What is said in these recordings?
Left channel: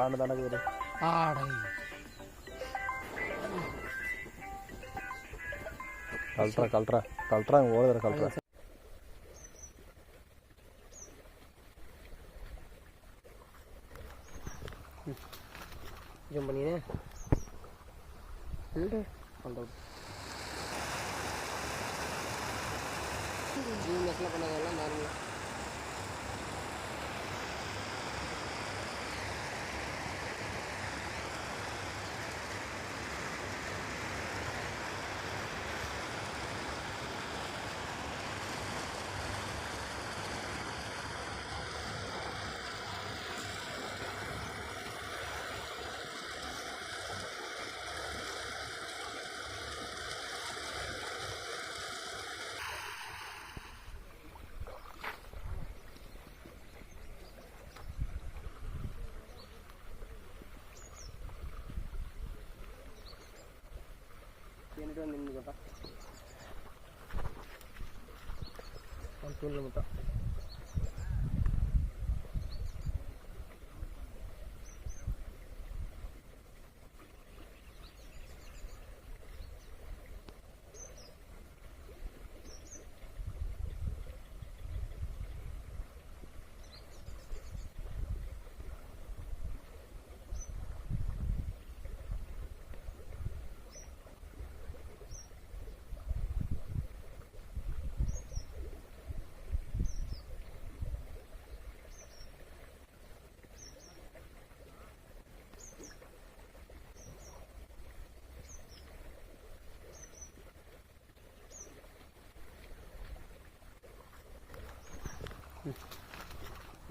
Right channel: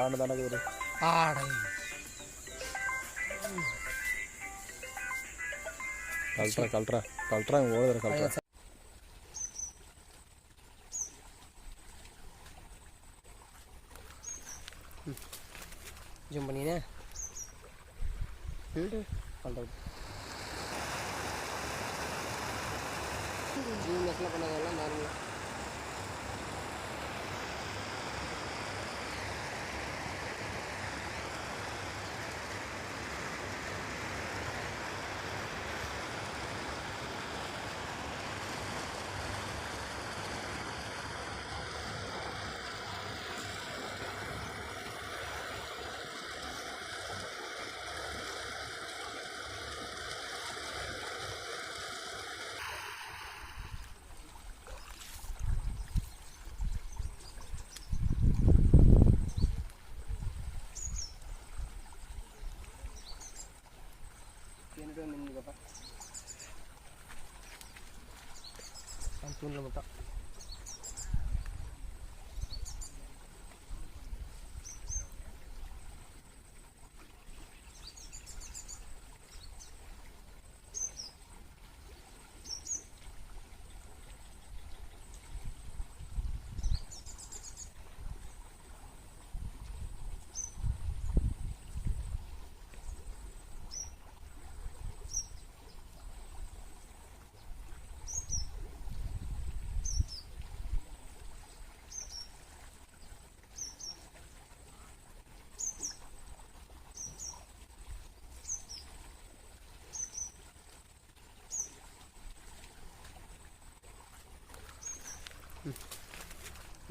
ஆடு தானே பேர் ஆடை கல்ட்ரா இங்கே ஓடுற கல்ட்ரா. ஜூம் பண்ணினே ஜூம் மெஸ்லாம் பண்ணதெல்லாம் நார்மலாக நின்றுக்கப்பா தூணில் மொத்தம்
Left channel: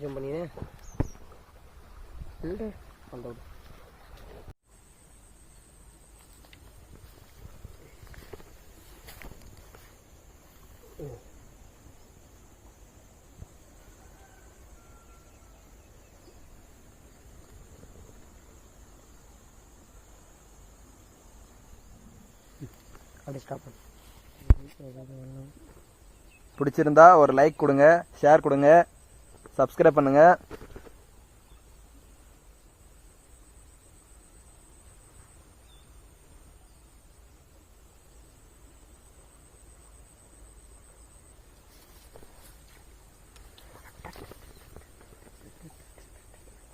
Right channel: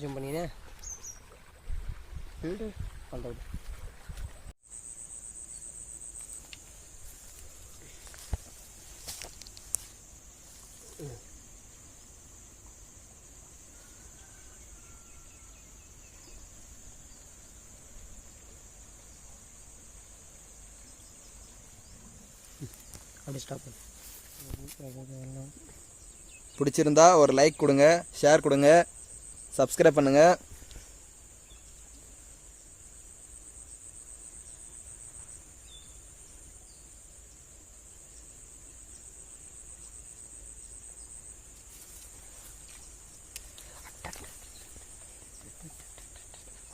ஜூம் பண்ணினே பண்ணுறது அப்படியே ஸ்டாப் பண்ணு. பிடிச்சிருந்தா ஒரு லைக் கொடுங்க, ஷேர் கொடுங்க, சப்ஸ்கிரைப் பண்ணுங்கள்.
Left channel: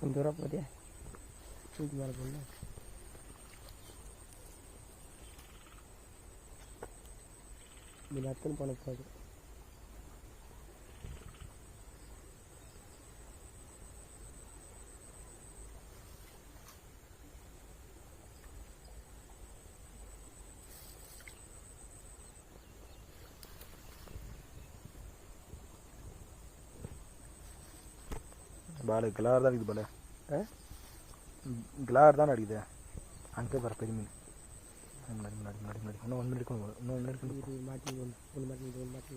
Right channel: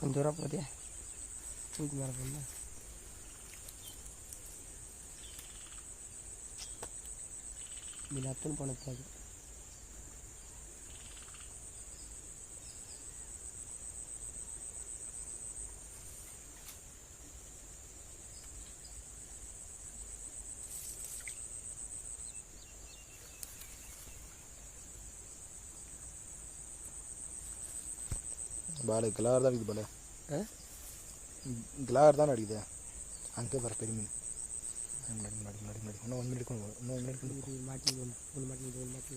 கொஞ்சம் தூரம் போதே தூக்கி மேலே போகணும். மினத்துன்னு போன போகுது. பாலு கிளார் தான் அடிக்குது. பாலு கிளார் தான் அடிக்குது. அங்கே பாரு பெரிய மீன். முன்னாடி முன்னாடி முன்னாடி முன்னாடி இன்னும் 1 மினிட் இருக்கணும். இன்னும் 1 மினிட் இருக்கணும். மாற்றி ஒன்று மாற்றி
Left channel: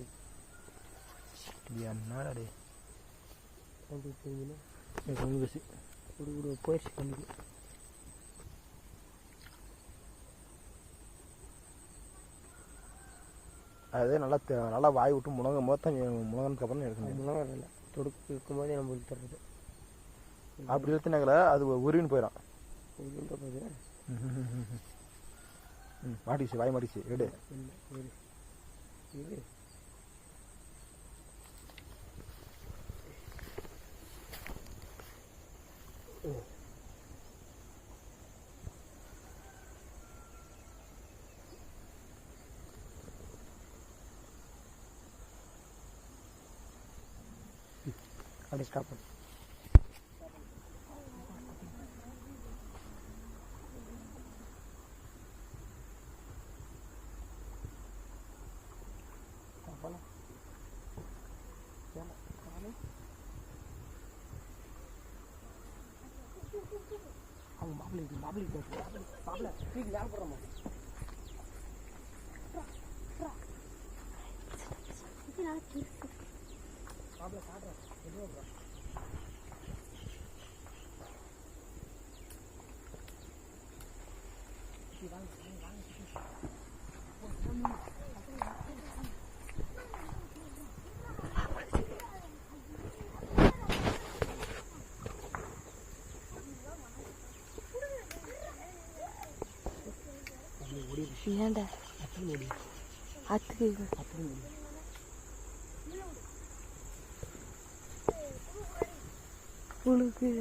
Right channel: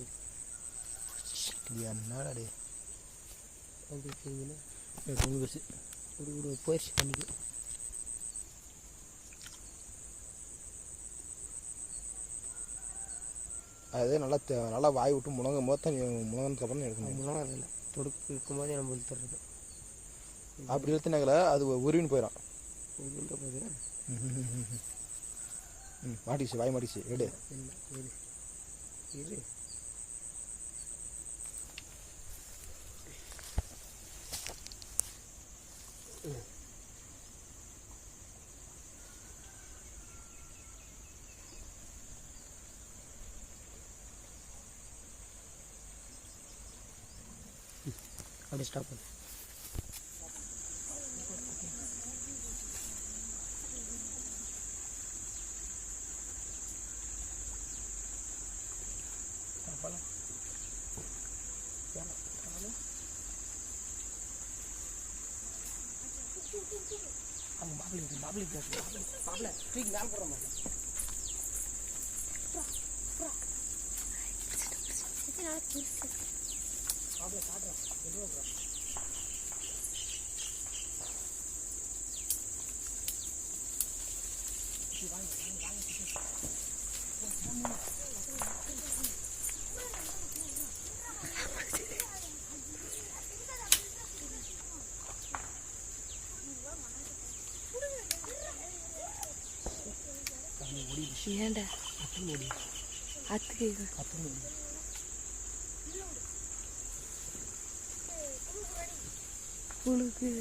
என்னடா டே மீன் பஸ் ஒரு போயிடுச்சு பண்ணிக்கு. அது நல்லா வாய் விட்டு முழங்கும் போது தான் முழங்கினதுக்கப்புறம் எடுக்கணும். முழங்கம் இல்லை, தொடுக்கு இருக்கும்போதே நம்ம இழுத்துறது. அப்படி இழுத்துனாங்கள அது உருவின்னு போயிடும். மாட்டிச்சு, வாய் மாட்டிச்சு. எடு அப்படியே ஸ்டாப் பண்ணு. அவங்க மாப்பிள்ளை தூக்கி மேலே போடுற மாதிரி மாப்பிள்ளை காட்டுறேன். ஏன்டா அத்து மூடி அத்துக்கு அத்து மூடி புழுக்கு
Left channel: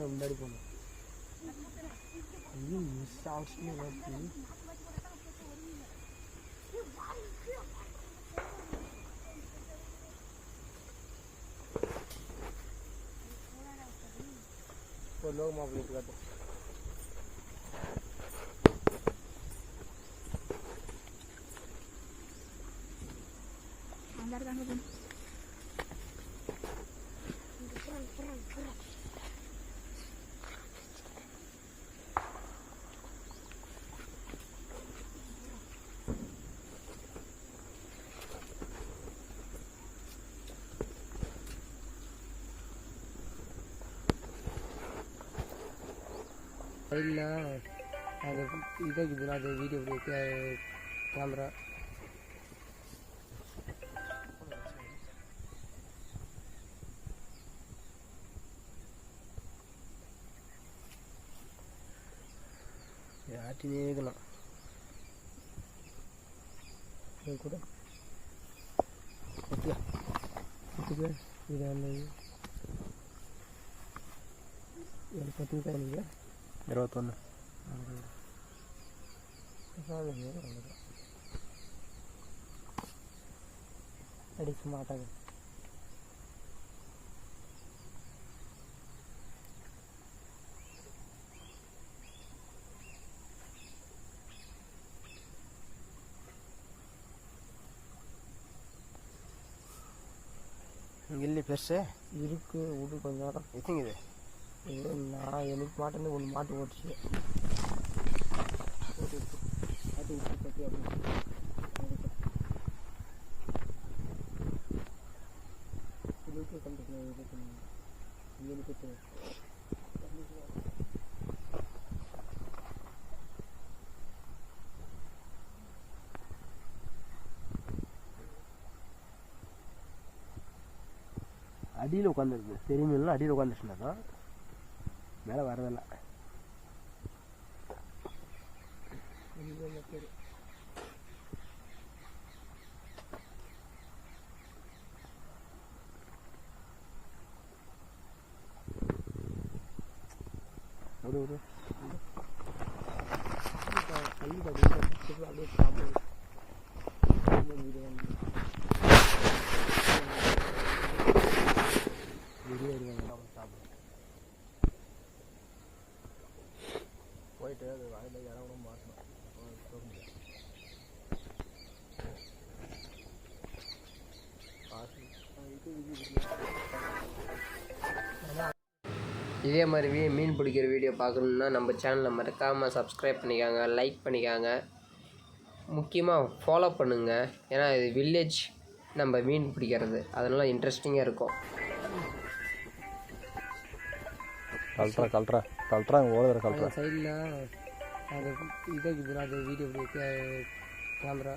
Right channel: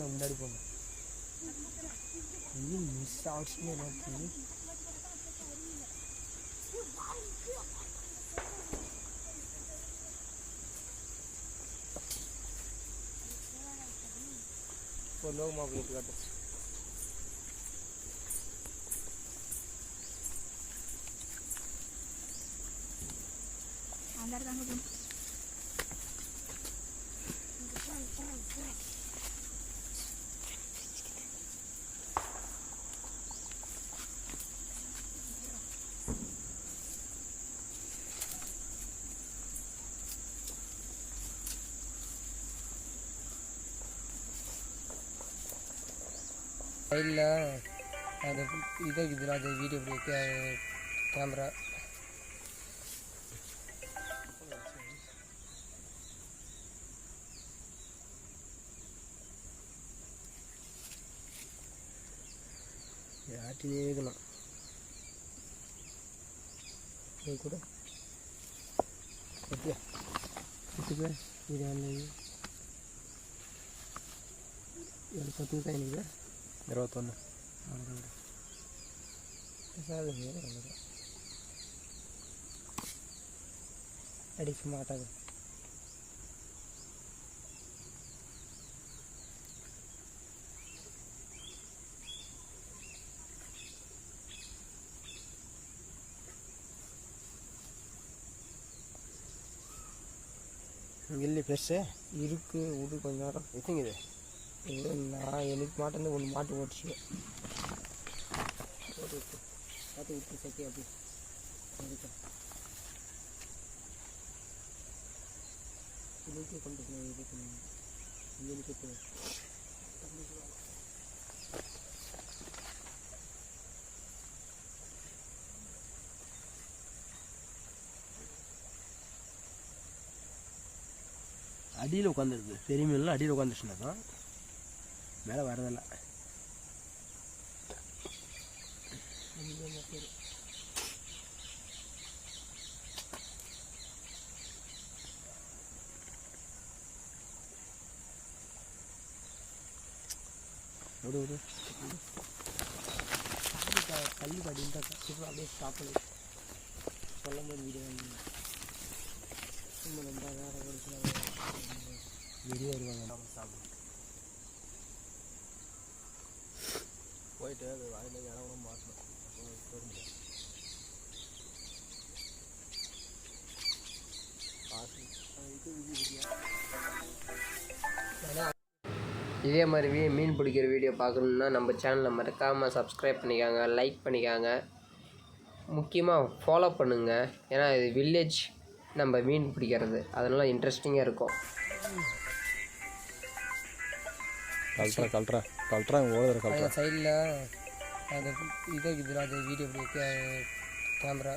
முன்னாடி போங்க மிஸ் ஆச்சுன்னு எனக்கு ஒரு லோக மாப்பிள்ளை காட்டு அந்த இருக்காங்க போகணும் சைடில் அது இதை இருக்குதுல அது வீடியோ கேமரா ஆட்டி ஏகலாம் கூட இது வந்து 10 எனக்கு 21 அடிக்க மாட்டாங்க இல்லை பெருசு இருக்கு இது கொஞ்ச நேரம் இருக்குங்க இது நான் எனக்கு மாட்டேன்னு ஒன்று மாட்டு ஓட்டுச்சு போட்டு விட்டு பார்த்து விட்டு சட்டி அப்படி இதுக்கு கொண்டு போய் இதுக்கு இதுக்கு அடியில் உட்காந்துருக்கு பெரிய மீன்லாம் அடியில் உட்காந்துச்சுன்னா தான் மேலே வரதில்ல ஒரு ஒரு கல்வி படிக்க அப்படியே பார்த்து வீடியோ வெளியே வருவாங்க நம்ம சாப்பிடுவோம் போயிட்டு அது வாயில் இடம் கூட மாட்டணும் அப்போ போக முடியாது இதே மாதிரி மீன் பிடிக்கிற வீடியோ பார்க்கணுன்னா நம்ம சேனலை மறக்காமல் சப்ஸ்கிரைப் பண்ணிக்காங்க, லைக் பண்ணிக்காங்க, முக்கியமாக ஃபாலோ பண்ணுங்கள். ஏன்னா இது வில்லேஜ் நம்ம மீன் பிடிக்கிறது, அதனால் இன்ட்ரெஸ்டிங்காக இருக்கும். கல்ட்ரா ஓடுற கல்ட்ரா சைடில் அது இதை இருக்குதுல அது வீடியோ கேமரா